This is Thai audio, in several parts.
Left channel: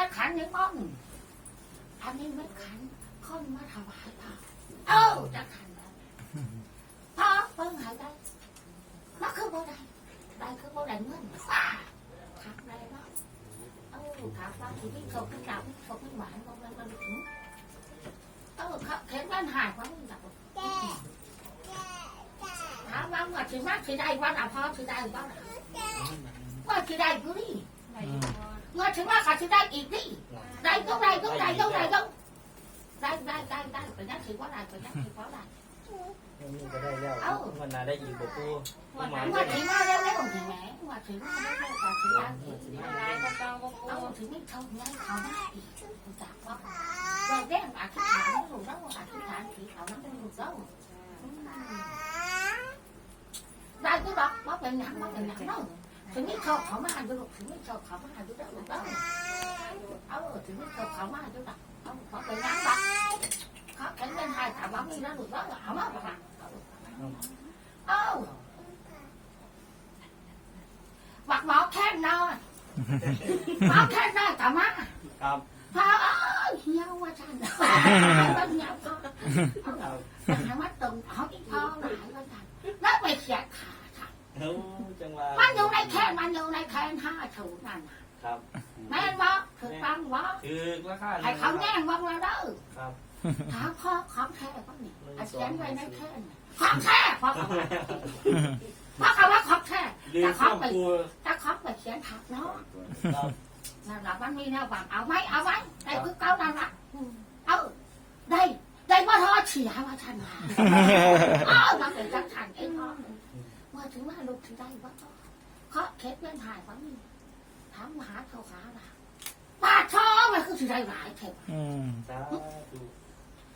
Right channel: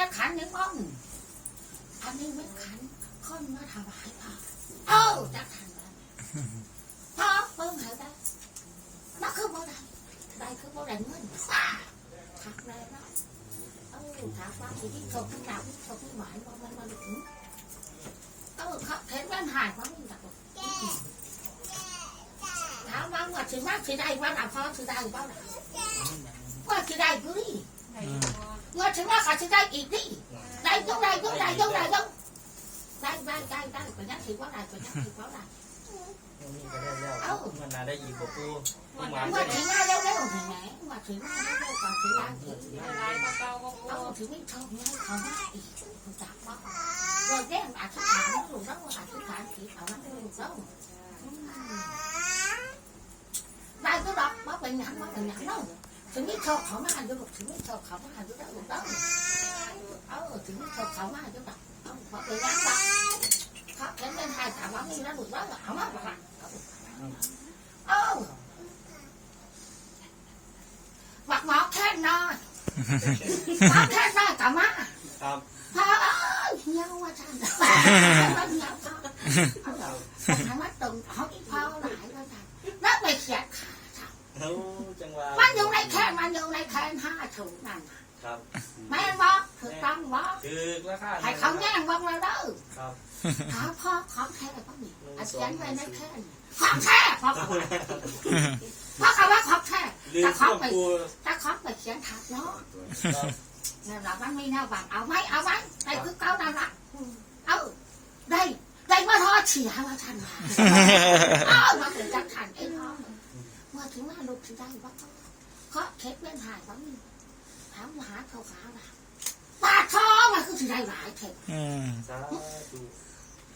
อันนี้ว่าไม่ขันได้บ้างอันนี้ไม่ขันคนมาถวายพระเออจะขันได้พระเพิ่งหายได้มาคือบ่ได้ได้คือบ่ได้เงินว้าขัดได้เนาะเออถามว่าที่ที่เขาที่เราที่เขาไม่หวานบ่มันมันถึงเออเขาเห็นมันหายเพราะมันแบบถามว่าว่าสิมาสิได้ว่าน่ะพอสิได้บ่ล่ะว่าสิได้กูดิว่าสิมาเขาสิได้อีกดิ ได้ก็ได้ก็ได้ก็ได้ก็ได้ได้ได้ได้ไปยังถือว่าได้ไปยังถือว่าได้อันนี้ก็ได้แล้วมันนาได้อีกบ่ปูปูหมาว่าได้ถือมาเร็วๆนี่แหมว่าถือมาเร็วๆก่อนถือได้ถือลายเก่าๆก็เอาถือไม่เท่านั้นเขามาอีกรู้จักว่าเราแย่งอธิษฐานไม่รู้แล้วอธิษฐานผีเขานั้นไม่รู้แล้วได้ก็ดอกว่าเป็นหยังว่าเป็นหยังเนาะ ถึงไม่เท่าเขามาดูลูกถึงไม่เท่าเขามาดูแล้วลูกแล้วเอาถึงไม่เท่าเขามาดูดอกเอาเพราะเป็นหยังดอกเขาแข็งเป็นไทยถามว่ามีแล้วลูกแล้วเอามาบอกเอาบักหมอแค่นอนหมอแค่นอนกลับมาครับพาเหี่ยวว่าจันว่าเหี่ยวพ่อแต่ถามว่าตรงเขาที่พ่อหลายว่าจันแล้วไปเขียนขา จันโอ้จังหวะมันอยู่ในแค่มันอยู่ในแค่ห้าถูกนั่นน่ะครับแม่นบ่ถูกต้องบ่ถือราคาให้เขาแย่งบ่มาเด้อครับถามพ่อของแท้ป่ะนี่อาเขียนไว้ในแค่นี่ของแท้พ่อเขาว่าพ่อเขาว่าของแท้ลืมแต่ข้เขาอไปปูถ้าเขาไปเขียนถักเนาะครับเราบ้านมีแนวบังเอาไหมเอาไหมได้คือเก้านั่นละเอาได้ได้ว่าทอเฉียว่าท่านมาเอามาถึงจังขันเองพ่อ มาถึงมาลูกถึงได้ว่าเขาเคสเป็นหายว่ามีถามมหาเขาขาละปาทอมันคือที่ได้หลายเถอะอืมสาธุ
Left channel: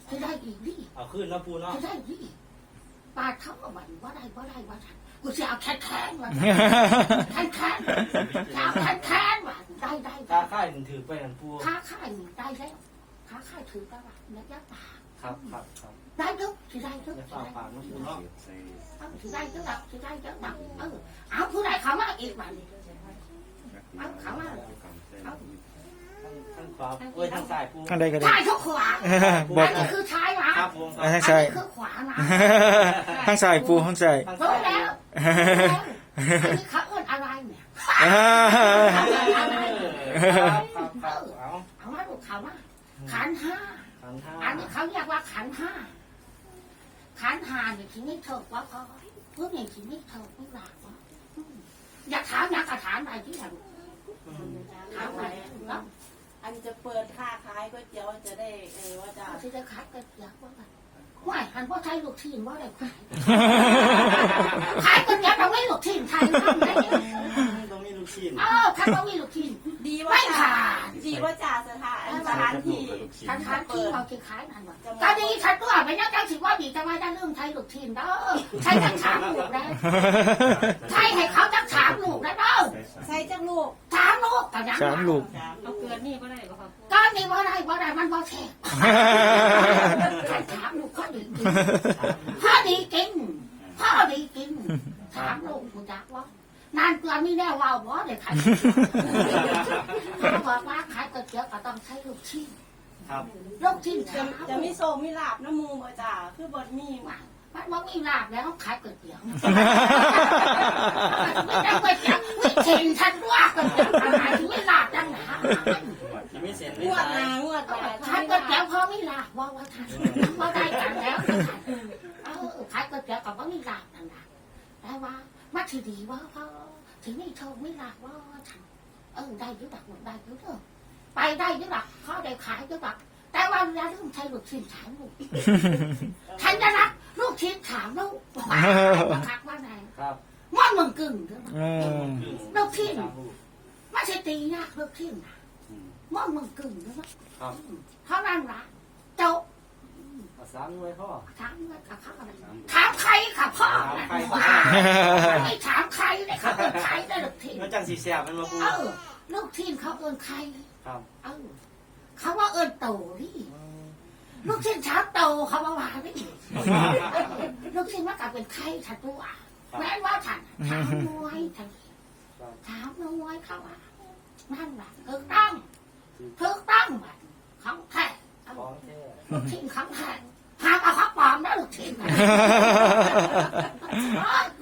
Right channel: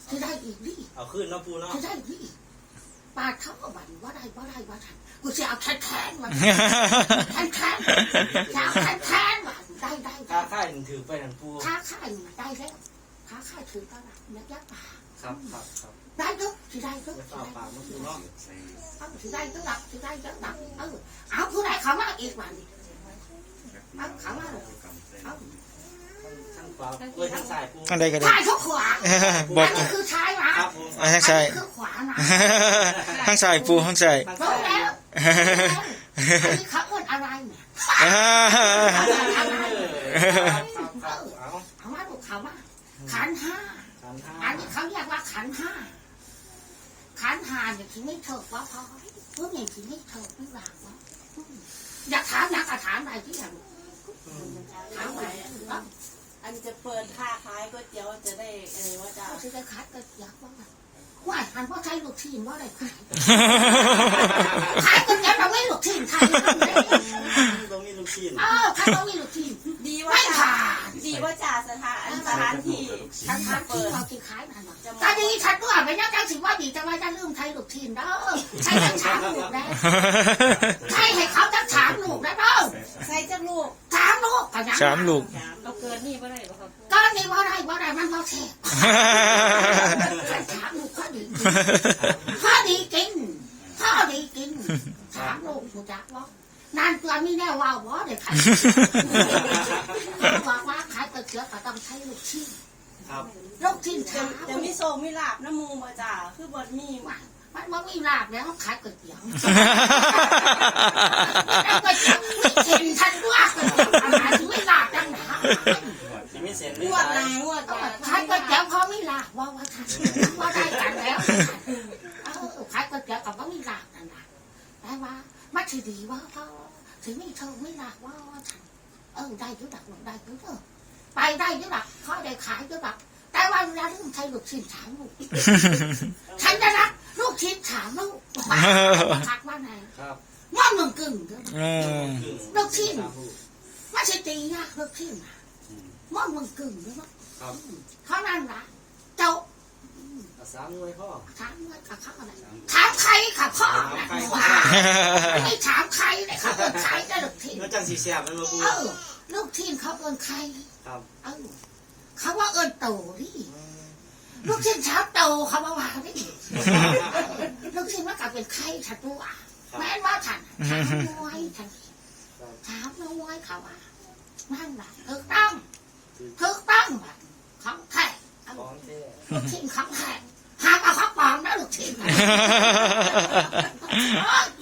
ที่ได้อีกดิเอาขึ้นเนาะปูเนาะที่ได้ดิปาเขาก็บันว่าได้ว่าได้ว่าท่านกูจะเอาแค้นแค้นว่าแค้นแค้นจะเอาแค้นแค้นว่าได้ได้กล้าได้ค่ายมันถือไปนั่นปูค้าขายได้แล้วค้าขายถือกระบะและยะป่า ครับครับครับ ได้ทุกที่ได้ทุกจะที่ฝากได้ปากเนาะปูเนาะเอาที่ได้ทุกแบบที่ได้ทุกแบบเออเอาผู้ใดเขามาอีกวันเอาเขามาเอาทางขวาเอ้ยทางซ้ายปูทางใดก็ได้ชายทุกขวาบออักนนี้คือชายหวะครับผมทางซ้ายคือขวานะทางซ้ายปูทางซ้าย ทางรู้ซ้ายแล้วอันนี้เขาอ้วนอะไรเนี่ยอ่าเออครับครับเอา เอามาดูเขามาขันห้าขันห้าอันนี้เขาเรียกว่าขันห้าขันห้าเนี่ยที่ไม่ถูกว่าพอเพื่อเนี่ยที่ไม่ถูกไม่หลักวะอยากถามอยากถามอะไรที่ไหนถามอะไรว่าอันจะเปิดค้าขายก๋วยเตี๋ยวจะได้เออว่าจะเขาจะขายกระเจี๊ยบว่าไงว่าหันว่าใช้ลูกทีมว่าอะไรขายขายคนเดียวเราไม่ลูกทีมไทยทำไงต้องมีลูกชิ้นเออถ้าเรามีลูกทีม ดีว่าไม่จ่าขาดดีว่าจ่าสถานสถานที่ฉันขายที่เราที่ขายนั่นหรอก็ดีฉันด้วยไม่น่าจังสิว่าดีจะมาจะลืมไทยลูกทีมเด้อใช้ทั้งสามลูกแล้วใช้ให้เขาทั้งสามลูกแล้วเด้อใส่จักลูกสามลูกก็ยังสามลูกเราเกินนี่บ่ได้บ่ครับก็นี่ว่าได้ว่าได้มันบ่แท้ขันสามลูกข้อดีข้อดีจริงข้อดีจริงสามลูกกูจักว่า นานตัวมีแน่ว่าวบ่ได้ขายบอกว่าขายก๋วยเตี๋ยวก็ต้องใช้ลูกชิ้นครับลูกชิ้นจะสามจะมีโซมีลาบน้ำมูบ่จ่าคือบดมีมันมันมีลาบแล้วขายก๋วยเตี๋ยวแล้วก๋วยเตี๋ยวไม่เห็นทันว่าก๋วยเตี๋ยวอะไรถึงไม่ลาบจังหนาที่ไม่เสร็จงไม่วดตายนางวดจ่าขายก๋วยเตี๋ยวพอไม่ลาบว่าว่าทันว่าได้กันแล้วเออขายก๋วยเตี๋ยวกับว่าไม่ลาบนั่นแหละแต่ว่า มัถือดีว่าพอถึงไม่โชคไม่ลาบว่าว่าทันเออได้ยุดักได้ยุดักไปได้ยุดักเขาได้ขายยุดักแต่ว่าเวลาเรื่องใช้ลูกชิ้นถามลูกฉันจะรักลูกชิ้นถามลูกทักว่าไงครับว่ามึงกึ่งลูกชิ้นไม่ใช่ตีนะลูกชิ้นนะว่ามึงกึ่งเด้อครับเขานั่นละเจ้า ภาษาหน่วยพ่อถามว่ากับเขาอะไรถามใครค่ะพ่อนะว่าไม่ถามใครเลยเขาเป็นใครได้ลูกชิ้นมันจังสีเสียบมันมาปูเออลูกชิ้นเขาเอินใครครับเออเขาว่าเอินโตนี่ลูกชิ้นเช้าโตเขาว่าว่านี่ลูกชิ้นว่ากลับเป็นใครถัดตัวคครับแม่นว่าฉันถามรวยฉันถามรวยเขาว่านั่นแหละถูกต้องถูกต้องแบบของแท้เอาของแท้ลูกชิ้นของแท้ หากเอาข้าวปลอมแล้วลูกชิ้นนะ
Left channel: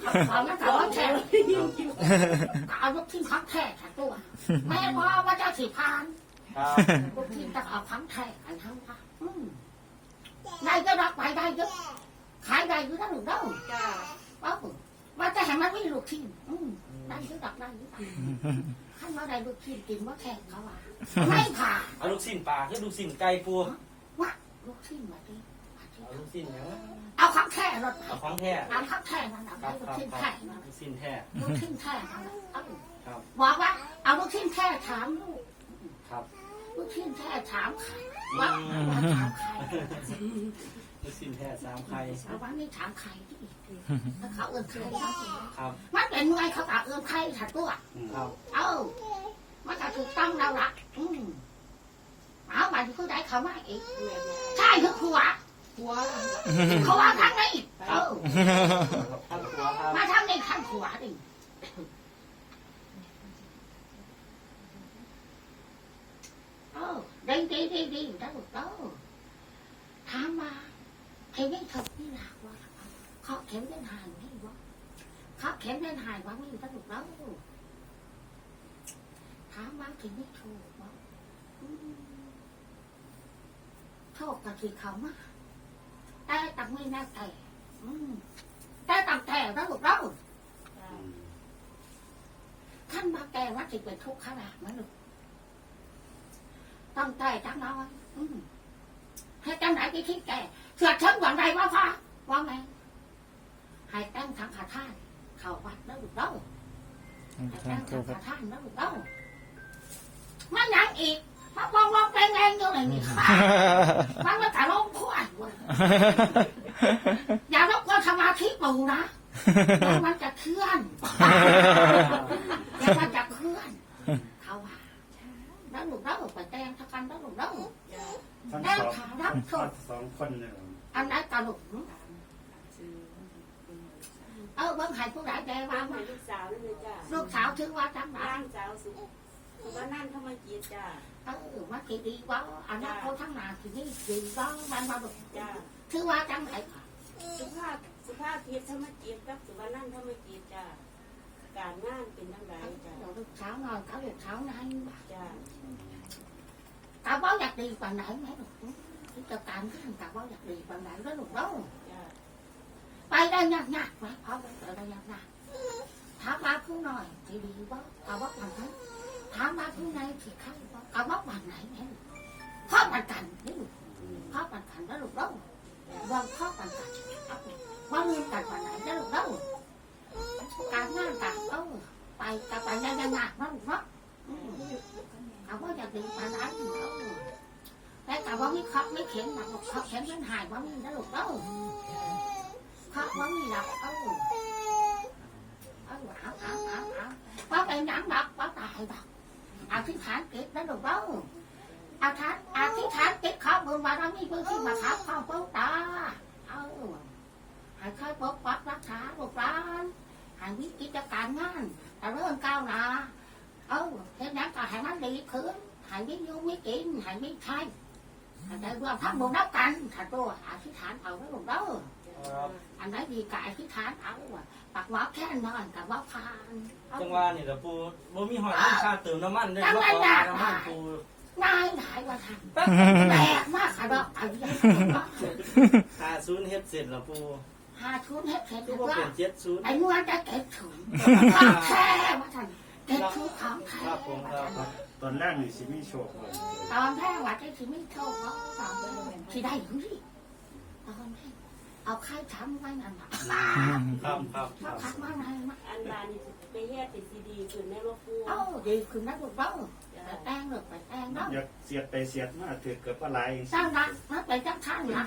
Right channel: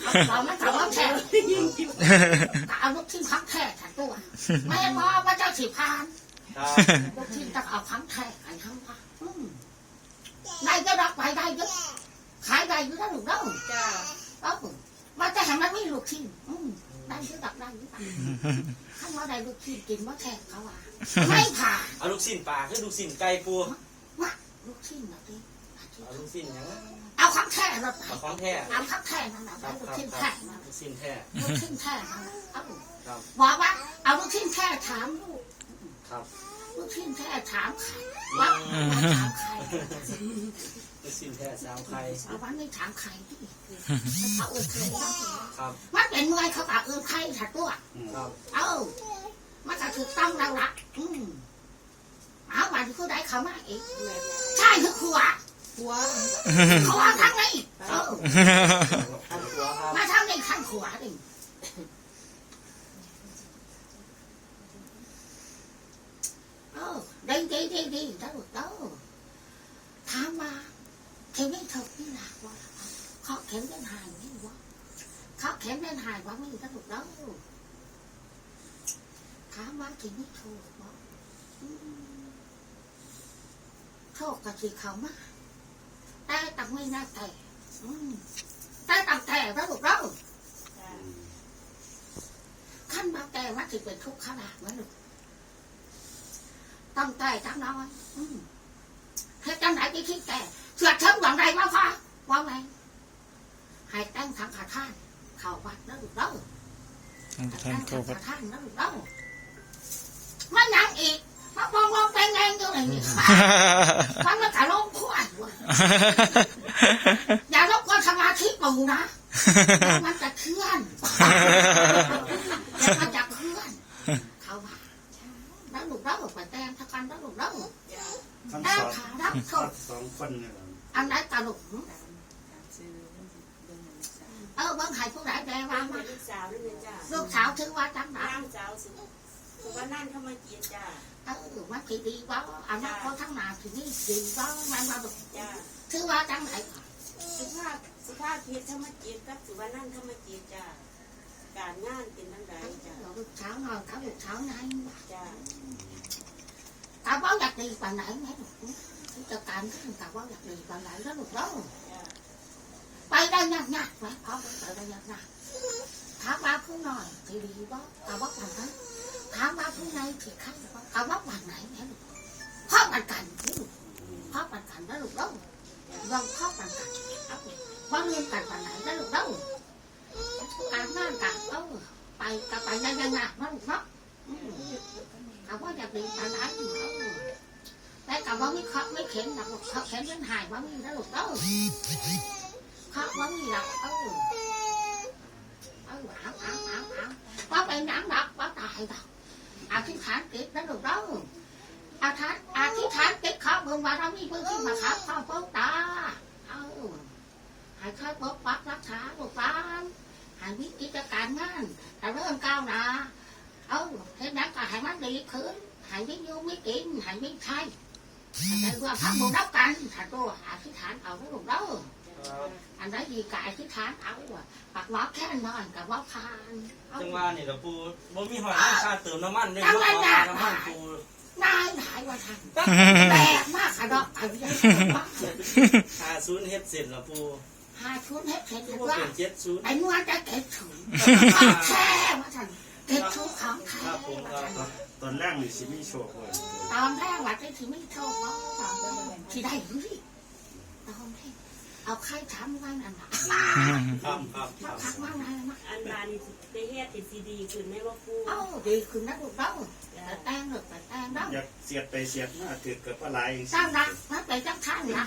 ข้าวปลอมแล้วเขาว่าแท้เอาลูกชิ้นของแท้ฉันตัวแม่นว่าว่าเจ้าสิพานครับลูกชิ้นต้องเอาของแท้ไอ้ทั้งว่าอืมได้ก็รักไปได้เยอะขายได้อยู่แล้วลูกเด้อจ้าเอ้าว่าจะให้มันไม่ลูกชิ้นอืมได้ก็รักได้อยู่ถ้าเราได้ลูกชิ้นกินว่าแท้เขาว่าไม่ผ่านเอาลูกสิ้นปลาคือลูกสิ้นไก่ปูลูกชิ้นแบบนี้ เอาลูกสิ้นหยังเอาของแท้รถไปเอาของแท้เอาของแท้นั่นแหละครับลูกครับชิ้นคแท้รับนั่นแหละลูกสิ้นแท้ลูกชิ้นแท้นั่นแหละเอ้าครับบอกว่าเอาลูกชิ้นแท้ถามลูกครับลูกชิ้นแท้ถามใครว่าว่าถามใครลูกสิ้นแท้สามไข่เอาวันนี้ถามใครที่เขาเอื้อใครเขาครับมันเป็นหน่วยเขาตาเอื้อใครถัดตัว ครับเอ้ามันจะถูกต้องแล้วล่ะอืมเอาวันที่ผู้ใดเขามาอีกใช่คือขวา หัวขวาทางนี้เออท่านตัวครับมาทางนี้ทางขวาดิเออดีดีดีดีถ้าถูกต้องถามมาเข็มนี่เถกนี่หนักว่าเขาเข็มเดินหายนี่วะเขาเข็มเดินหายว่าไม่ถ้าถูกต้องถามว่าเข็มนี่ถูกวะอืมโชคกับที่เขามา แต่ตังไม่น่าแต่อืมแต่ตังแต่ถ้าถูกต้องจ้าขั้นมาแต่ว่าจะเป็นทุกข์ขนาดนั้นหรอกต้องแต่จังน้อยอืมให้จังไหนไปคิดแต่เสือเชิงหวังใดว่าฟ้าว่าไงให้ตั้งทางขาท่านเข้าวัดแล้วลูกเด้อทางเข้าวัดขาท่านแล้วลูกเด้อมันยังอีก มาบองมองเป็นแรงอยู่ไหนนี่ค่ะมันมาถ่ายลงควายเว้ยอย่ารบกวนสมาธิปู่นะเดี๋ยวมันจะเคลื่อนเดี๋ยวมันจะเคลื่อน เขาว่าแล้วลูกเด้อไปแต่งทักกันแล้วลูกเด้อจ้าทั้งแต่สองขารับโทษสองคนเนี่ยครับอันไหนตลกซื้อเออเบิ่งให้ผู้ใดแปลว่ามาลูกสาวนั่นเลยจ้าลูกสาวถือว่าจังหวะร่างสาวสุสุวรรณันเข้ามาจีนจ้า เออว่าสิดีว่าอันนั้นเขาทั้งหนาสินี่ดีว่ามันมาบอกจ้าถือว่าจังไหนสุภาพสุภาพเพียรธรรมจีนกับสุวรรณันธรรมจีนจ้าการงานเป็นทั้งใดจ้าลูกสาวนอนเขาลูกสาไหนจ้าแต่ว่าอยากดีกว่าไหนไหมลูกจะการขึ้นแต่ว่าอยากดีกว่าไหนแล้วลูกเด้าไปได้ยากยากไหมเขาไปได้ยากยากถามมาผู้หน่อยสิดีว่าต่ว่าวันนั้นถามมาผู้ไหนสิใครว่าแต่ว่าวันไหนเนี่ยพ่อมันกันนี่ลูกพ่อมันกันแล้วลูกเด้อลองพ่อมันกันว่าเรียนกันวันไหนแล้วลูกเด้อการงานกันเออไปแต่ไปยังยังหนักมากลูกเนาะอืมเขาว่าอยากดีแต่ไหนอยู่เด้แต่แต่ว่ามีเขาไม่เข็นนักหรอกเขาเข็นยันหายว่ามีนะลูกเด้อเขาว่ามีหลักเออเออเอาเอาเอาเอาว่าไปน้ำหนักว่าตายดอก อธิษฐานเกิดนะลูกเด้ออธิษฐานอธิษฐานเกิดขอบุญบารมีพื้นที่มาครับพ่อพ่อตาเอาให้ช่วยปกปักรักษาลูกหลานให้วิกิจการงานแต่เริ่มก้าวหน้าเอาเห็นนั้นก็ให้มันดีขึ้นให้ไม่ยุ่งไม่กินให้ไม่ใช่แต่เรื่องทำบุญรับกันถ้าตัวอธิษฐานเอาแล้วลูกเด้อครับอันไหนดีกายที่ฐานเอาอะ ปากหมอแค่นอนกับว่าพานเอา จังหวะนี่ละปูบ่มีหอยน้ำชาเติมน้ำมันเลยบ่ขอน้ำมันปูนายหลายวันทันแปลกมากค่ะดอกเอาอย่างหาศูนย์เฮ็ดเสร็จละปูหาชุดให้เผ็ดคือเลยบ่ว่าเป็นเจ็ดศูนย์ไอ้นวลจะเก็บถุงของแท้มาทันเก็บชุดของแท้ครับผมครับตอนแรกมีสิมีโชคเลยตอนแรกว่าจะที่ไม่โชคว่าตอนแรกที่ได้อยู่ดิตอนแรก เอาไข่ช้ำไว้นั่นแหละมาครับครับคมารับพักมาไหนมาอันบานี่ไปเฮ็ดติดซีดีขึ้นในว่าปูเอ้าดีคือนักลูกเต้าไปแต่งหรือไปแต่งแล้วอยากเสียดไปเสียดมาถือเกิดปลาไหลสร้างรักมันไปจังท่านนะ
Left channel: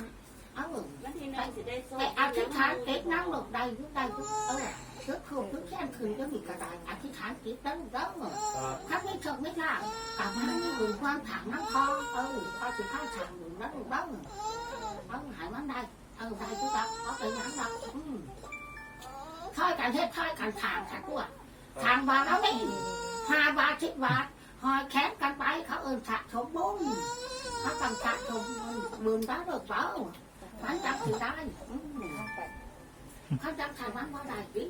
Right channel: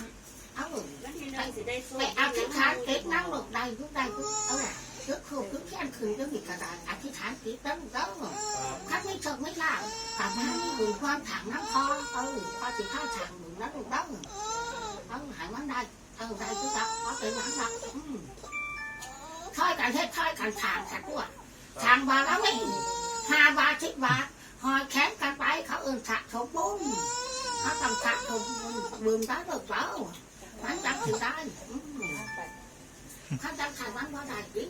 เอาแล้วที่น้องสิได้โซ่ไปอธิษฐานเก็บนั่งหลบใดยุกใดยุกเออชุดคู่ชุดแค่คืนก็มีกระดาษอธิษฐานเก็บแล้วก็ครับถ้าไม่ชกไม่ลาบกลับมานี่ดูความถังน้ำคอเออพอสิข้าวฉางอยู่แล้วลูกเต้างเอาหายมันได้ เอาได้ทุกอย่างเอาไปหลังหลักอืมค่อยกันเฮ็ดค่อยกันทางกันด้วยทางบาแล้วนี่ห้าบาทสิบบาทหอยแขนกันไปเขาเอินสะสมบุญเขาต้องสะสมบุญบุญได้หรือเปล่ามันจังถือได้อืมเขาจังทางวันว่าได้ดิ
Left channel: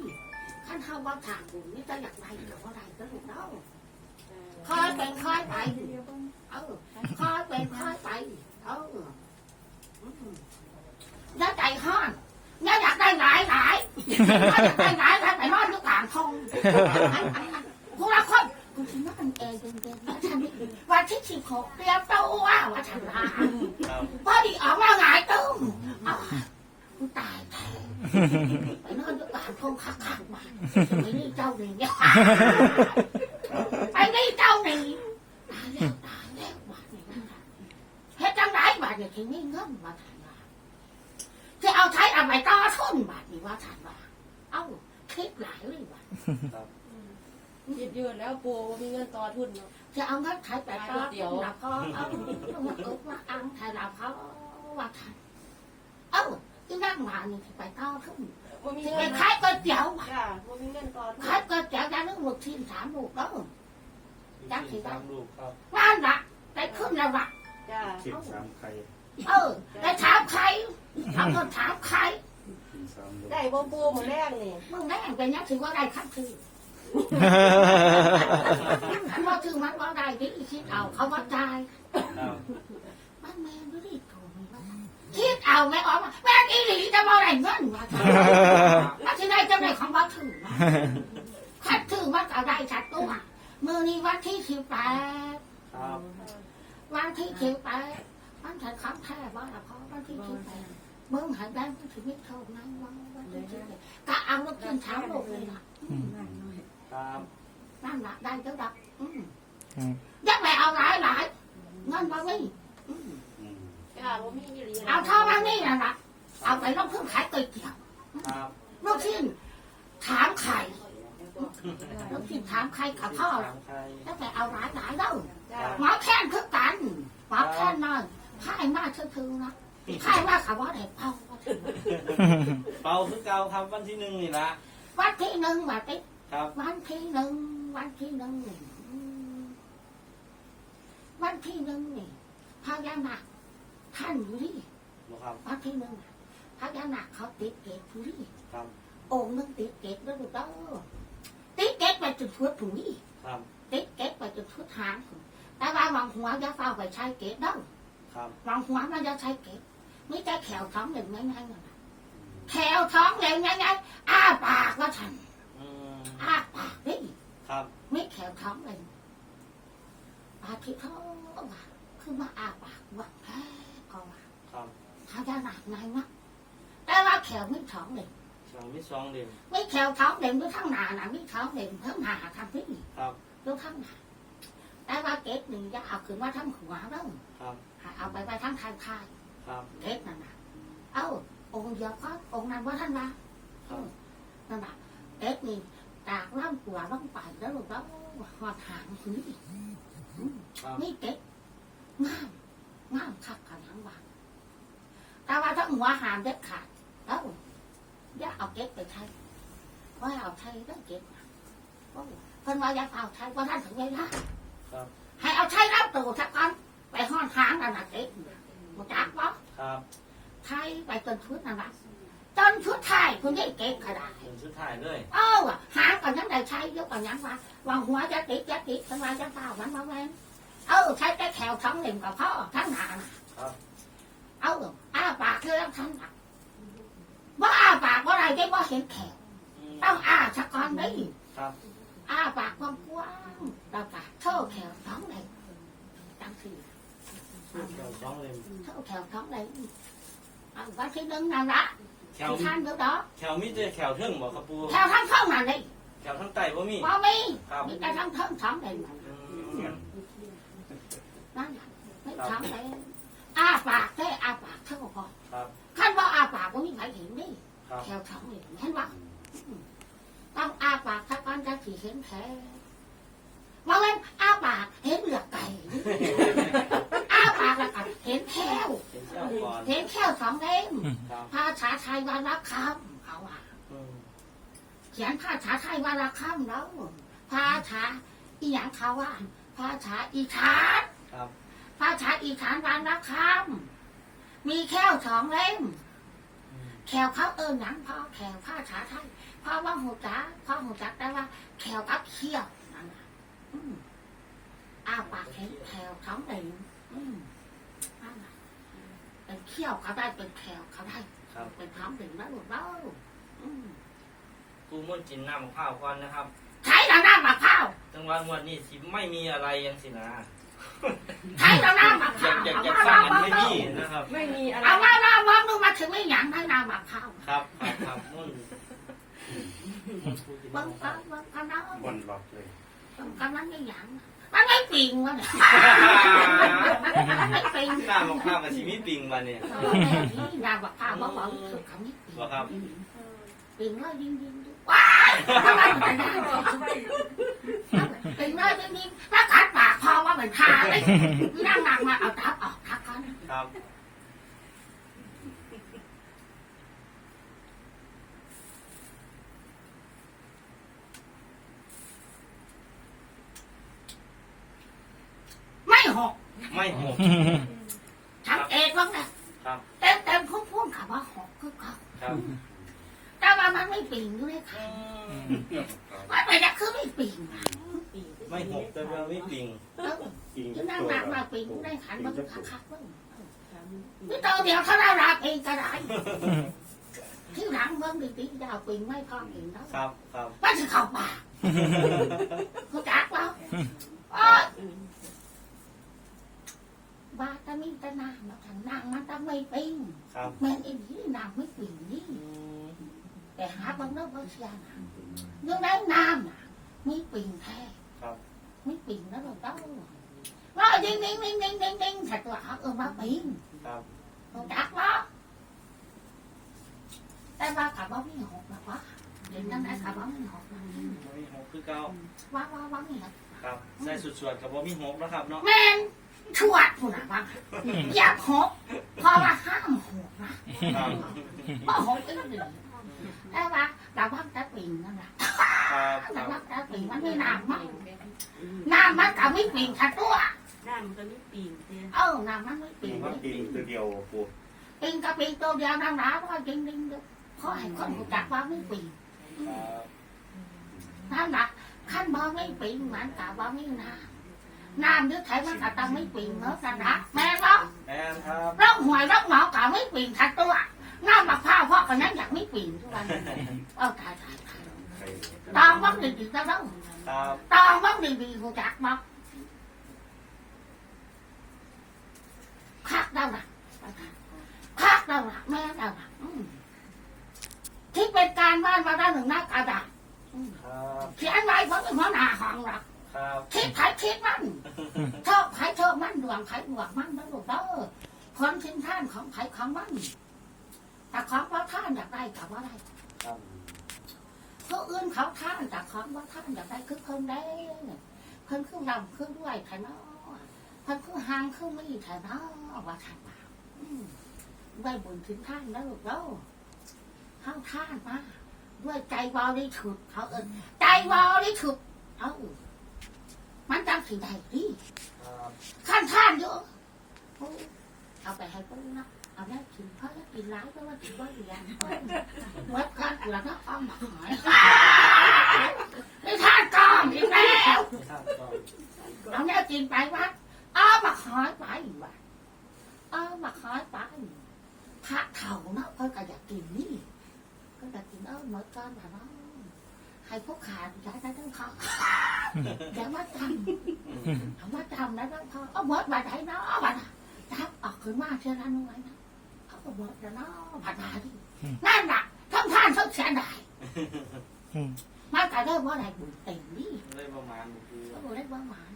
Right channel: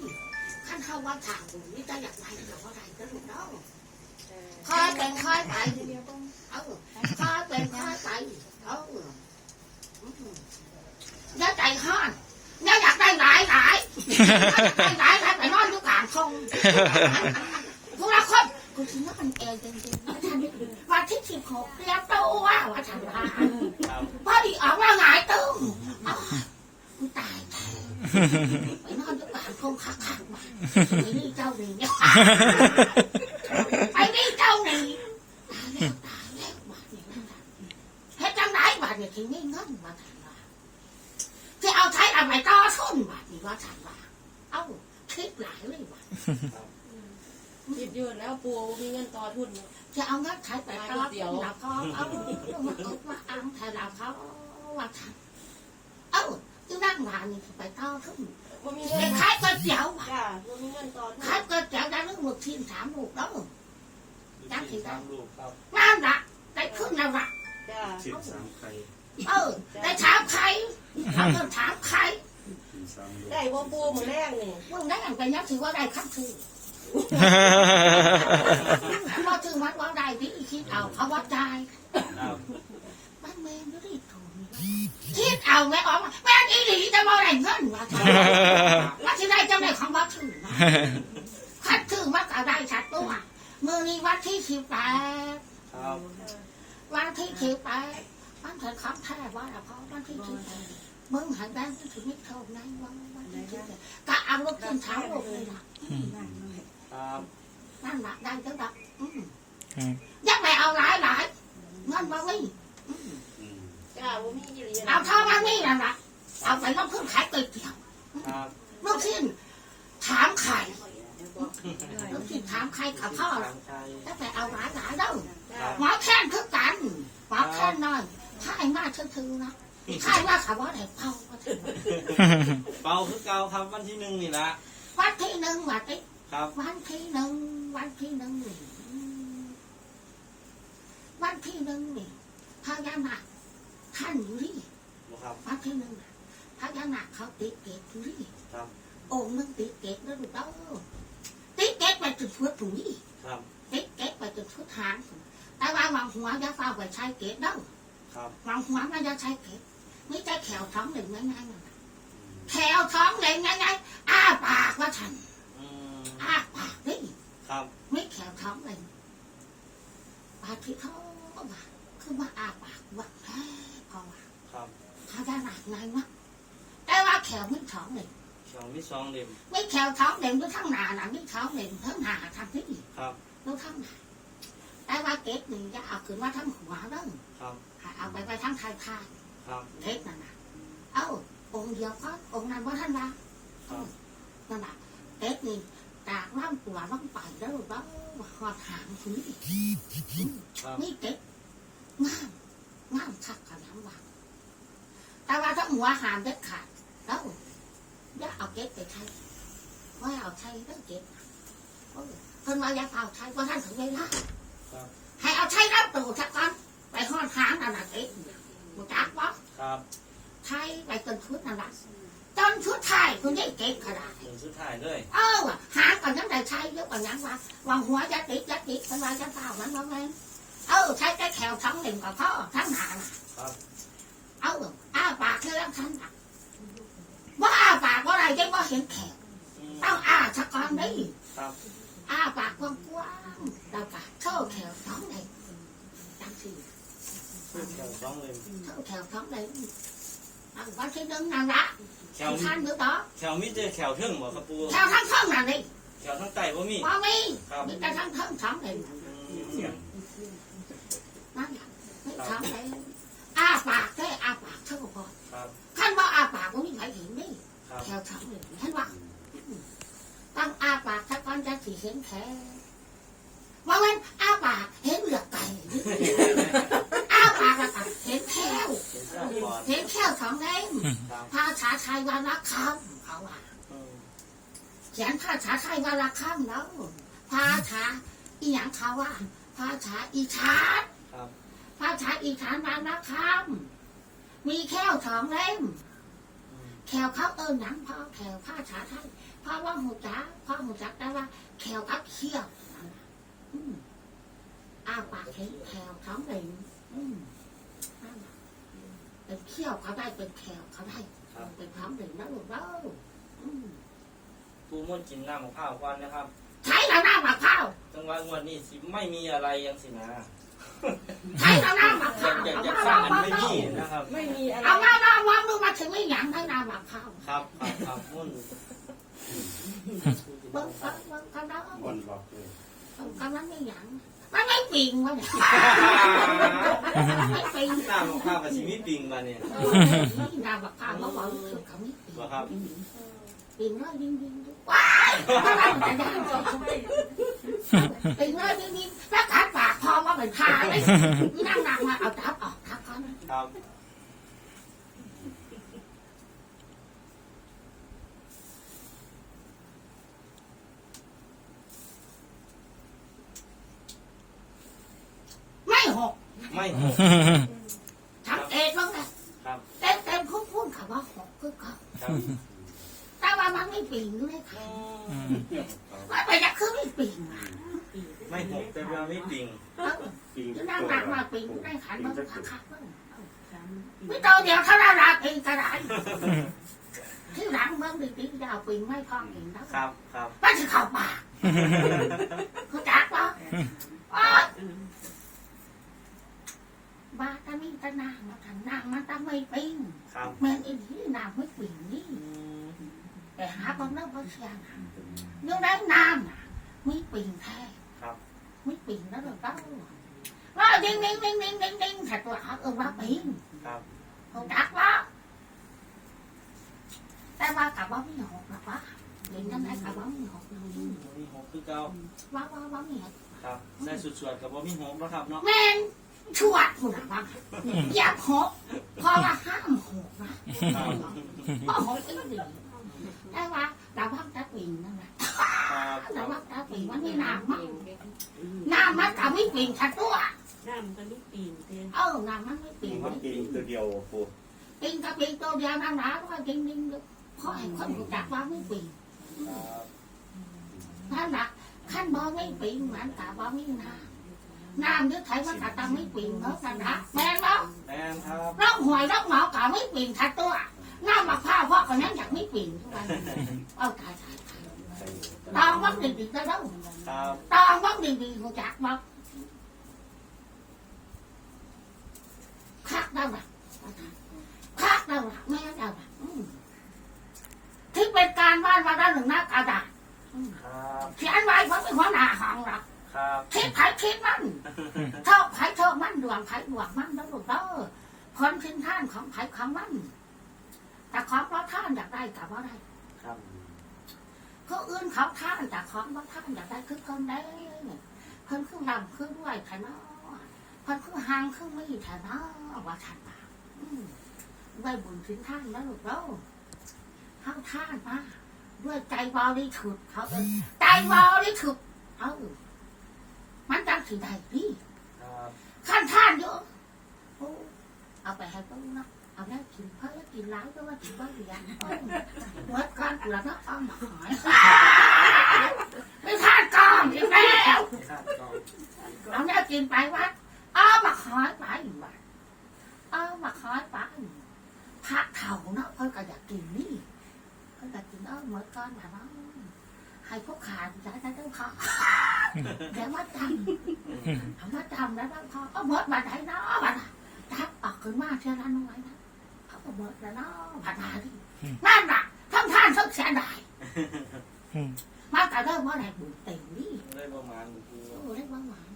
ขั้นเท่าว่าทางบุญนี่จะอยากไปแต่ว่าได้ก็ถูกแล้วเคยเป็นเคยไปเออเคยเป็นเคยไปเออ ย้าใจห้อนย้าอยากได้หลายหลายอยากได้หลายหลายไปนอนอยู่กลางทองผู้ละคนกูคิดว่ามันแอร์เย็นๆว่าฉันวันที่สิบหกเรียมตัวว่าฉันว่าพอดีออกมาหงายตึ้งกูตายแท้ไปนอนอยู่กลางทองคักๆมานี่เจ้าหนึ่งเนี่ยไปนี่เจ้าหนี่ตายแล้วตายแล้วบาดนี่นั่นแหละเฮ็ดจังไดบาดนี่ถึงมีเงินมาทันว่าจะ เอาใช้เอาไปต่อทุนบาดนี่ว่าทันว่า เอ้าคิดหลายเลยว่าคิดอยู่แล้วปูมีเงินต่อทุนเนาะจะเอาเงินใช้ไปต่อทุนแล้วก็เอามาอุดมาอังแทนเราเขาว่าทันเอ้าที่นั่งมานี่สิไปต่อทุนบ่มีไปเงินขายก๋วยเตี๋ยวว่ะจ้าบ่มีเงินต่อทุนขายก๋วยเตี๋ยวได้เรื่องหมดทีมสามลูกแล้วสี่สามลูกครับนั่นละได้ขึ้นแล้วว่ะจ้าสิบสามไข่ เออได้ถามใครเอาคนถามใครสิบสามลูกได้บ่ปูมื้อแรกนี่มึงได้อันเป็นยังถือว่าได้คำถือว่าถือมันว่าได้ที่คิดเอาเขาว่าได้ครับบ้านแม่ไม่ได้ถูกคิดเอาแม่ออกมาแม่อีหลีจะมาได้เงินว่าว่าที่ได้เจ้าได้ของว่าถือขัดถือว่าก็ได้ชัดตัวมือนี้วันที่สิบแปดครับวันที่สิบแปด วันถึงคำแท้ว่าละเพราะวันที่สิบแปดมึงหันด้านถึงไม่เท่านั้นวันวันที่สิบแปดก็เอาลูกขึ้นเท้าลูกเลยล่ะครับนั่นละได้เจ้าดับอืมครับยังไม่เอาหลายหลายเงินบ่มีอืมอืมจ้าบ่มีอีหลีเอาเท่ามันนี่นั่นละเอาไปลงทุนขายก๋วยเตี๋ยวครับลูกชิ้นถามไข่ลูกชิ้นถามไข่กับพ่อทาละงไทยแล้วไปเอาหลายหลายเด้อจ้าหมอแค้นคือกันหมอแค้นน้อย ข่ายมาชื่อๆนะข่ายว่าเขาว่าได้เผาว่าถึงเป่าคือเก่าครับวันที่หนึ่งนี่ละวันที่หนึ่งมาติครับวันที่หนึ่งวันที่หนึ่งนี่อืมวันที่หนึ่งนี่พญานาคท่านอยู่ที่บ่ครับวันที่หนึ่งน่ะพญานาคเขาติดเกตอยู่ที่ครับองค์หนึงติดเกตแล้วลูกเด้อติดเกตไปจุดฟุตถุงนี่ครับติดเกตไปจุดฟุตหางพุ่นแต่ว่าวางหัวจะฟ้าไปใช้เกตเด้อ ครับวางหัวมันจะใช้เกตไม่ใช่แขวท้องเหล่งง่ายๆนั่นน่ะแขวท้องเหล่งง่ายๆอ้าปากว่าฉันอืมอ้าปากนี่ครับ ไม่แขวท้องเหล่งปากที่เขาว่าคือมาอ้าปากว่าแพ้พอว่าครับพญานาคไงวะแต่ว่าแขวไม่ท้องเหล่งสองมีสองเล่มไม่แขวท้องเหล่งด้วยทั้งหนาน่ะไม่ท้องเหล่งทั้งหนาทำที่ครับด้วยทั้งหนา แต่ว่าเกตนี่จะเอาขึ้นมาทั้งหัวเด้อครับให้เอาไปไปทั้งทายทายครับเทศนั่นน่ะเอ้าองค์เดียวก็องค์นั้นว่าท่านว่าครับนั่นน่ะเทศนี่ตากร่างกว่าร่างไปแล้วลูกแล้วหอดหางทีครับนี่เทศงามงามคักขนาดว่าแต่ว่าถ้าหัวหามเด็ดขาดแล้วอย่าเอาเก็ดไปใช้ว่าเอาใช้เรื่องเก็ดนะโอ้เพิ่นว่าอย่าเอาใช้ว่าท่านถึงเวลาครับ ให้เอาใช้รับตัวสักกันไปห้อนหางนั่นน่ะเก็ดมันจักบ่ครับไทยไปจนชุดนั่นแหละจนชุดไทยคุณได้เก่งขนาดถึงสุดท้ายเลยเอ้าหาก่อนยังได้ใช้เยอะกว่ายังวะวางหัวจะติดจะติดเป็นวาจะเปล่ามันมาแม่นเอ้าใช้แต่แขวทั้งเหล่มกับพ่อทั้งหนาน่ะครับเอ้าอ้าปากเรื่องทั้งหนักว่าอ้าปากว่าอะไรได้ว่าเห็นแขวอืมต้องอ้าสักก่อนนี่ครับ อ้าปากกว้างๆแล้วก็เท่าแขวท้องเลยจังสี่เดี๋ยวสองเล่มเท่าแขวท้องเลยเอาวันที่หนึ่งนั่นละแขวท่านเมื่อต่อแขวมีแต่แขวเทิงบ่ครับปูแขวทั้งท้องนั่นเลยแขวทั้งไตบ่มีพอมีครับมีแต่ทั้งทั้งท้องเลยนั่นอืมนั่นแหละไม่ท้องเลยอ้าปากได้อ้าปากเท่าพอครับขั้นว่าอ้าปากก็มีใครเห็นนี่ครับแถวท้องเลยเห็นว่าต้องอ้าปากถ้า ก้อนจะสีเห็นแท้ว่าเว้นอ้าปากเห็นเหลือกไก่อ้าปากแล้วก็เห็นแค่วเป็นเจ้าก่อนเห็นแค่วสองเล่มครับภาษาไทยว่านักคำเขาว่าอืมเขียนภาษาไทยว่าละข้ามแล้วภาษาอีหยังเขาว่าภาษาอีสานครับภาษาอีสานวางละข้ามมีแค่สองเล่มอืมแขวเขาเอิญหนังพ่อแขวภาษาไทย พ่อว่าหูจักพ่อหูจักได้ว่าแขวกับเขี้ยวนั่นน่ะอืมอ้าปากเห็นแขวเขาเองอืมนั่นน่ะเป็นเขี้ยวเขาได้เป็นแขวเขาได้ครับเป็นท้องถึงแล้วลูกเล่าอืมปูมุ่นจินน้ำข้าวก่อนนะครับใช้แล้วน้ำมะพร้าวจังหวะงวดนี้สิไม่มีอะไรยังสินะใช้แล้วน้ำมะพอร้ายากวอยากเอาอยากมาสร้างเรามันเอาไม่มีนะครับไม่มีอะไรเอามาเราวางดูมาถึงไม่หยังได้น้ำมะพร้าวครับครับครับมุ่นเบิ้งฟังบิ้งกำลังบนหลอดเลยบิ้งกำลังไม่หยังมันไม่ปิงวะเนี่ยมันไม่ปิงหน้ำข้าวกับชีวิตปิงมาเนี่ยหน้ำมะพร้าวเขาบอกสุดเขาไม่ปิงบ่ครับปิงเลยยิงยิงยิงว้ายทำไมมันได้ปิงเลยยิงยิงถ้ากัดปากพอว่าเป็นทาเลยนั่งนั่งมาเอาทับออกทับเขาครับ ไม่หก ไม่หกฉันเองบ้างนะครับเต็มเต็มพุ่งพุ่งค่ะว่าหกคือเขาครับแต่ว่ามันไม่ปิงด้วยค่ะว่าไปจะคือไม่ปิงอะไม่หกแต่เราไม่ปิงเออปิงที่นั่งนั่งมาปิงได้ขันมันคักคักๆเบ้างไม่ต้องเดี๋ยวเขาได้ราปิงก็ได้ที่หลังเมืองดีๆดาวปิงไม่พอปิงนะครับครับว่าจะเข้าป่ากเขาจักว่าโอ๊ย บ้าตะนี่ตะนางมาทางนางมันต้องไม่ปิงครับแม่งไอ้ที่นางไม่ปิงนี่อืมแต่หาบางเรื่องบางอย่างยังได้นานน่ะไม่ปิงแท้ครับไม่ปิงแล้วเราต้องว่าดิ้งดิ้งดิ้งดิ้งดิ้งดิ้ง thật là ơ má ปิงครับ không đắt đó ta ba cả bóng như hột là quá điện năm nay cả bóng như hột là ไม่หกคือเก่า quá quá bóng như hột ครับใส่สุดๆกับว่ามีหกนะครับเนาะ men chuột của nè băng giáp hột พอว่าห้ามหกนะครับบ่หก cái gì ta ba là bóng ta ปิงนั่นแหละครับ là bóng ta ปิงมันไม่นานมั้งนานมันก็ไม่ปิงทัดตัวน้ำมันก็ไม่ปีนเต้เออนานมันไม่ปิปิงงว่าปิงตัวเดียวปูปิงกับปิงตัวเดียวนั่นนะว่าจริงจริงเพราะให้คนรู้จักว่าไม่ปิงครับนั่นแหละขั้นบ่ไม่ปิงมันกะบ่าไมีน้ำน้ำนึกไทยมันก็ต้องไม่ปิงเนาะกันนะแม่ว่าแม่นครับร้องหวยร้องหมอกะไม่ปิงทัดตัวน้ำมะพร้าวพ่อคนนั้นอยากไม่ปิงทุกวันเอาตายตายตายไปตองบ้างดีๆก็ต้องครับตองบ้างดีๆรู้จักบ่คักเดาละคักเดาละแม่เดาละอืมที่เป็นการบ้านมาได้หนึ่งหน้ากระดาษครับเขียนไว้เพราะเป็นหัวหน้าห้องหรอก ครับคิดไผคิดมันชอบไผชอบมันดวงไผดวงมันแล้วลูกเด้อคนทิ้งท่านของไผของมันแต่ของว่าท่านอยากได้กับว่าได้ครับเขาอื่นเขาท่านแต่ของว่าท่านอยากได้คือคนได้เพิ่นคือดำคือด้วยไถนอเพิ่นคือหางคือไม่ไถนอว่าท่านว่าอืมได้บุญถึงท่านแล้วลูกเด้อเข้าท่านมาด้วยใจบริสุทธิ์เขาเอิ้นใจบริสุทธิ์เอ้า มันจังสิได้ดีครับขั้นท่านเยอะโอ้เอาไปให้ต้นนะเอาได้กินเพราะกินร้ายก็ว่ากินบ่เรียนเมื่อก่อนกูละนักอ้อมหอยไม่ท่านกองอีกแล้วครับก็เอาเนี่ยกินไปวัดเอามาหอยไปวัดเอามาหอยไปพระเถ่าเนาะเพิ่นก็อยากกินนี่เพิ่นก็กินเออเมื่อก่อนแบบว่าให้พวกขาดใจได้ทั้งพอเดี๋ยวมาจำ ทำมาจำแล้วพอเอาหมดมาไหนเนาะบัดทับออกขึ้นมากเท่านั้นไว้นะเขาก็หมดแล้วเนาะบัดมาดินั่นน่ะทั้งท่านทั้งเสียดายมาแต่เริ่มว่าอะไรบุญเต็มนี่เลยประมาณปูโอ้ได้บ้ามัน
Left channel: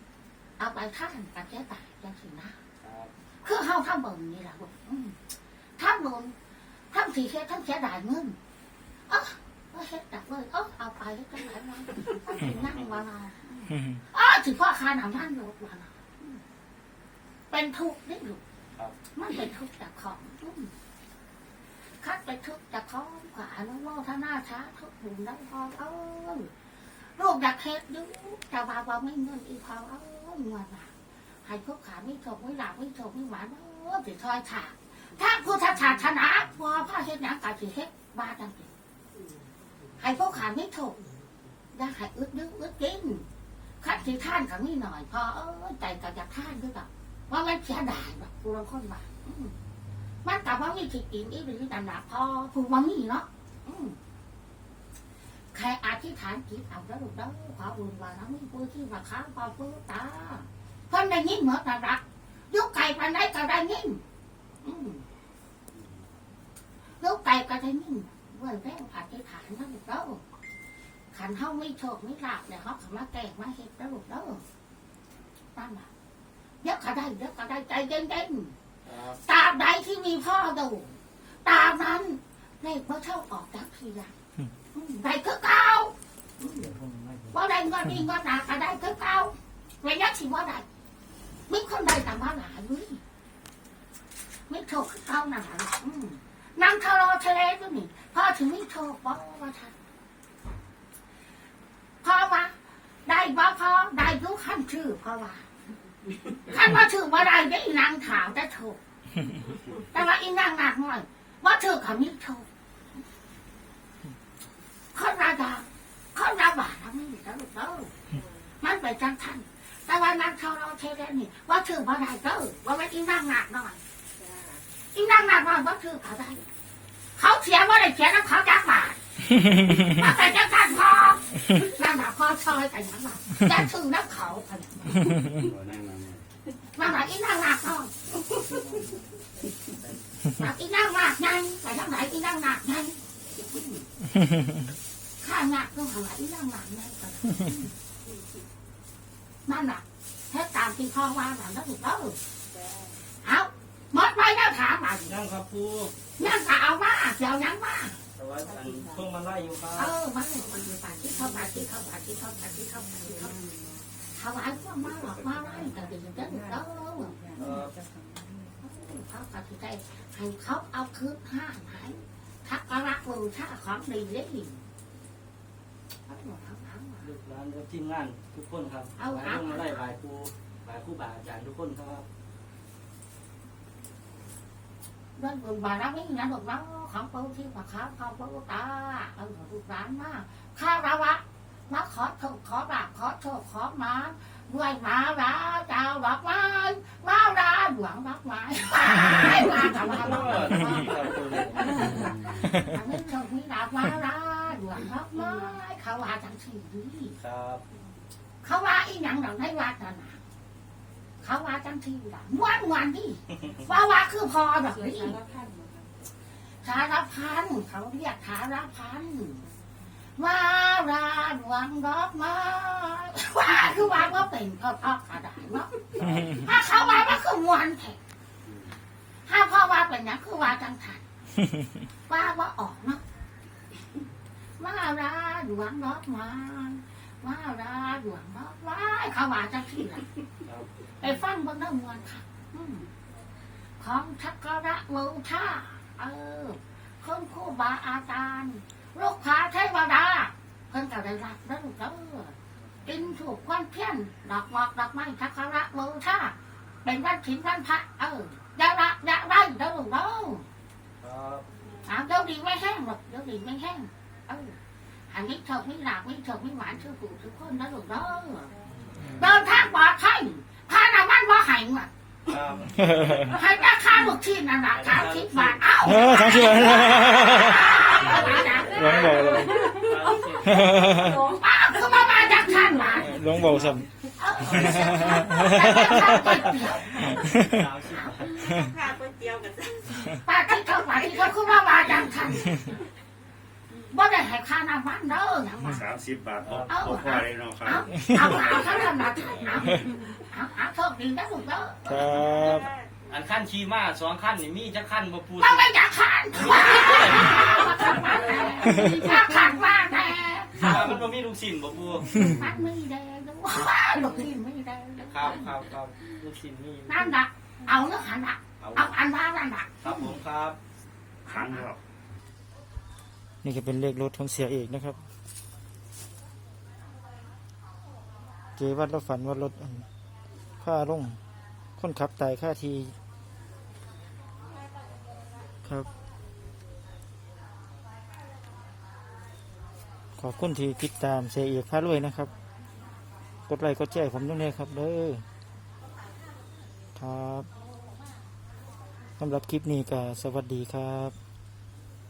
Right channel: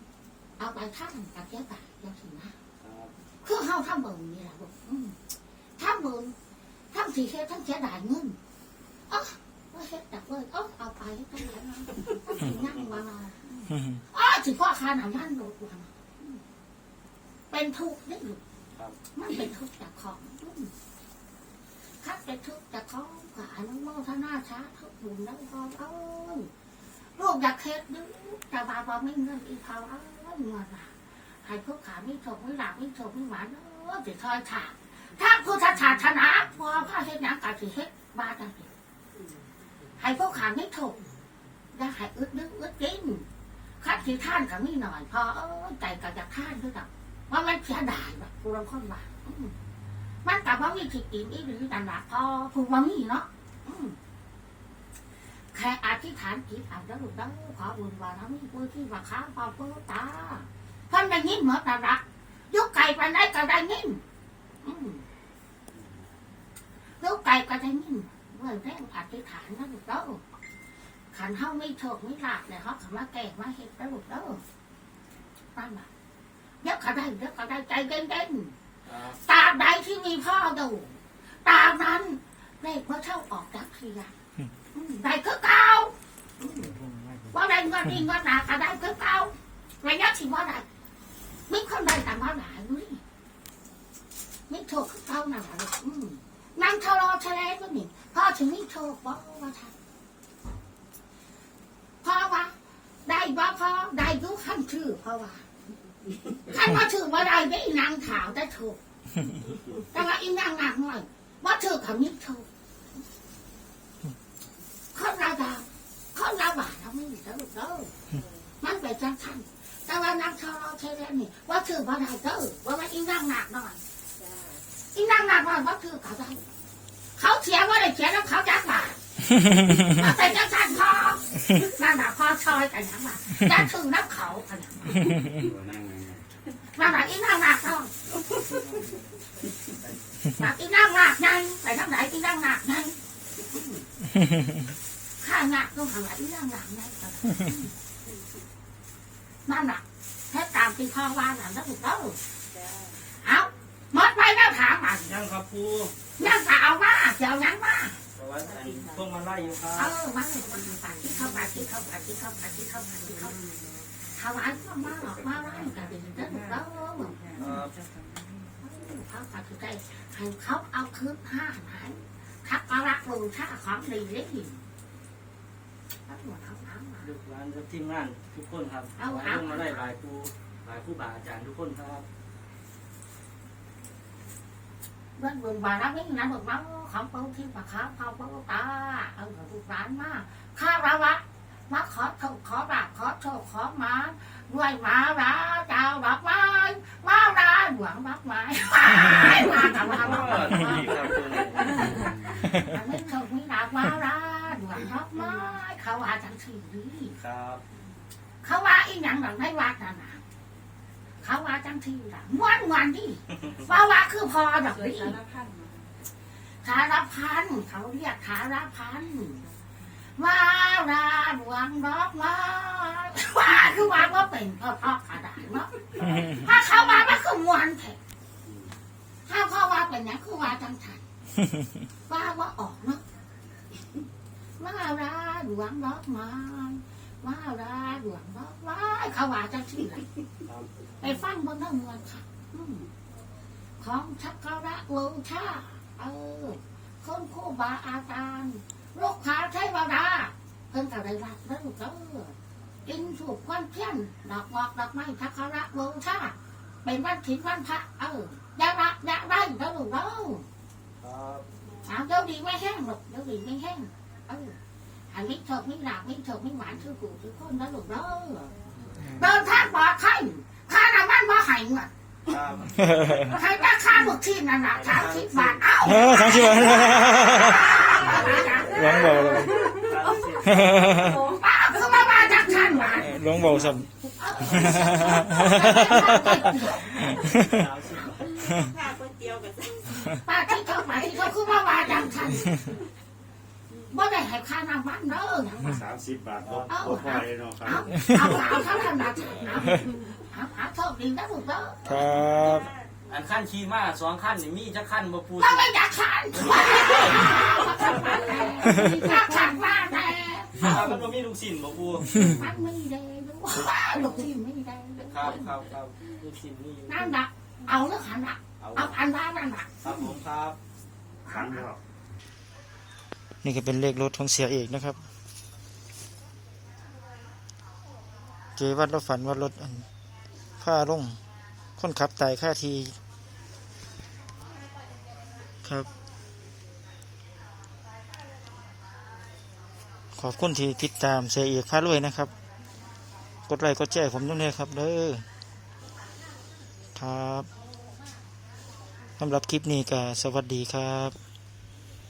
เอาไปท่านกับเจ้าตายยังสินะครับคือเฮาทำบุญนี่แหละลูกอืมทำบุญทำสีเฮ็ดทั้งเสียดายเงินเอ๋อเฮ็ดจากเว้ยเออเอาไปทั้งหลายเนะนั่งว่าเราอ้าวถึงพ่อคาหนำท่านรู้ว่านะ เป็นทุกข์ได้อยู่ครับมันเป็นทุกข์จากของอืมข้าเไปทุกจะท้องกับอนุโมทนาช้าทุกบุญน้ำพอเอ้ยลูกอยากเฮ็ดอยูแต่ว่าบ่ไม่เงินอีพอเอ้ยเงินว่ะให้พวกขาไม่ถกไม่หลับไม่ถกไม่หวานเออสิทอยถาถ้าพุทธศาสนาพอพระเฮ็ดหยังกะสิเฮ็ดบ้าจังสิให้พวกขาไม่ถกได้ให้อึดนึกอึดกินคัดสิท่านกับไม่หน่อยพอเอ้ยใจก็จะท่านด้วยดอก ว่ามันเสียดายแบบกูรังคนว่าอืมมันกลับว่ามีสิกินอีกหรือนั่นละพอผูกว่ามีเนาะแค่อธิษฐานจิตอาเด้อลูกเด้ขอบุญว่าเรามีผู้ที่ว่าค้างเป่าเพื่อตาเพิ่นได้ยินเหมือนกันละยุกไก่ไปไหนก็ได้ยินยุกไก่ก็ได้ยินเมื่อแรงอธิษฐานนะลูกเด้อขันเฮาไม่โชคไม่ลาบเนี่ยเขาเขามารถแก่มาเห็ดแล้วลูกเด้อตั้งมา เดี๋ยวก็ได้เดี๋ยวก็ได้ใจเย็นๆครับตราบใดที่มีพ่อดูตราบนั้นเลขว่าเท่าออกจากเสียอืมได้คือเก่าอืมว่าได้เงินดีเงินหนาก็ได้คือเก่าระยะที่ว่าได้มีคนใดแต่ว่าหลายเว้ยไม่โชคคือเก่าหนาหรอกอืมนางทะเลาะทะเลด้วยนี่พ่อถึงไม่โชคบ่ว่าทันพ่อว่าได้บ่พ่อได้อยุขั้นชื่อพ่อว่า ขั้นว่าชื่อว่าได้ได้นางถาวแต่โชคแต่ว่าอีนางหนักหน่อย ว่าเธอขมิดโชว์คนรายาคนราบาทไม่มีแล้วลูกเด้อมันไปจังทันแต่ว่านางชาวเราเทเลนี่ ว่าเธอว่าได้เด้อว่าว่าอีนางหนักหน่อยอีนางหนักหน่อยว่าเธอเขาได้เขาเขียนว่าได้เขียนแล้วเขาจักบาทว่าแต่จังทันพอนั่นน่ะพอชอยแต่ยังบาทจะถือน้ำเขาขนาดนั้น มาหาอีนางหนักเนาะหนักอีนั่งหนักไงไปทางไหนอีนั่งหนักไงข้าหนักต้องหาอีนั่งหนักไงนั่นหนักให้ตามที่พ่อว่าหนังก็ถูกต้องเอาหมดไปแล้วถามมายังครับปูยังจะเอามาเดี๋ยวยังมาแต่ว่าพวกมันไล่อยู่ครับเออมาเลยคนดีปากที่เข้าไปที่เข้าไปที่เข้าไปที่เข้าไปที่เข้าไป ถวายก็มาหรอกมาไล่กันดีเด้อถูกต้องเออเขาตัดใจให้เขาเอาคืนห้าหายทักกระบูชาของดีเลยเอาหัวเอาเอามาลูกหลานกับทีมงานทุกคนครับเอาพวเอามาไล่หลายปูหลายครูบาอาจารย์ทุกคนครับเรื่องบุญบารมีนะบอกว่าของปูที่ปะขาพอปูตาเออลูกหลานมาข้าระวะ มาขอโชคขอราบขอโชคขอมาด้วยมาราเจ้าดอกไม้มาราหลวงดอกไม้มาแต่ว่าเอมาอนี่ครับปูอันนี้โชคมีดาบมาราหลวงดอกไม้เขาว่าจังสี่ดีครับเขาว่าอีหยังหลังไม่ว่ากันนะเขาว่าจังทีละม้วนม้วนดิว่าว่าคือพอดอกดิสารพันเขาเรียกสารพัน มาราหลวงดอกไม้ว่าคือว่าก็เป็นพ่อพ่อกระดาษเนาะถ้าเขาว่าว่าคือม้วนแท้ถ้าพ่อว่าเป็นหยังคือว่าจังทันว่าว่าออกเนาะมาราหลวงดอกไม้ว่าดาหลวงว่าว้ายเขาว่าจังที่ไหนครับไปฟังเบนน้ำมวลค่ะอืมของชักกระวูชาเออคนคู่บาอาจารย์ ลูกพาเทวดาเพิ่นก็ได้รับแล้วลูกเด้อกินถูกควันเพี้ยนดอกหมอกดอกไม้ชักกระวูชาเป็นวันถินวันพระเอออยาละอยาได้เด้อลูกเด้อครับอ่าเดี๋ยวดีไม่แห้งหรอกเดี๋ยวดีไม่แห้งเอออันนี้เถกไม่หลักไม่เถกไม่หวานชื่อปู่ทุกคนนะลูกเด้อเดินทางปลอดภัยข้าในบ้านบ่ใหายอะครับให้ราคาบุกที่นั่นน่ะสามสิบบาทเอ้าเออสามสิบบาท หลวงบอกเลยอ้าวคือมามาจากชั้นมาหลวงบอกสัมเอ้าค่าก๋วยเตี๋ยวกับป้าที่เขาไปที่เขาคือมามาจากชั้นบ่ได้ให้ค่าน้ำมันเด้อนะว่าสามสิบบาทพอพอพอเลยเนาะครัเอาบเอาเอาเท่านั้นนะเอาเอาเอาโชคดีนะลูกเด้อครับ อันขั้นขี่ม้าสองขั้นนี่มีจะขั้นมาปูมันไม่อยากขาดอยากขาดมากแน่มันก็มีลูกศิษย์บ่ปูมันไม่แดงด้วยลูกที่ไม่แดงครับครับครับลูกศิษย์นี่นั่นน่ะเอาเนื้อหันน่ะเอาเอาอันว่านั่นน่ะครับผมครับครั้งเดียวนี่ก็เป็นเลขรถของเสียเอกนะครับ เจวัดเราฝันว่ารถอันผ้าลง คนขับตายค่าที ครับ ขอบคุณที่ติดตามเสียเอกพารวยนะครับ กดไลค์กดแชร์ผมด้วยนะครับเด้อครับสำหรับคลิปนี้ก็สวัสดีครับ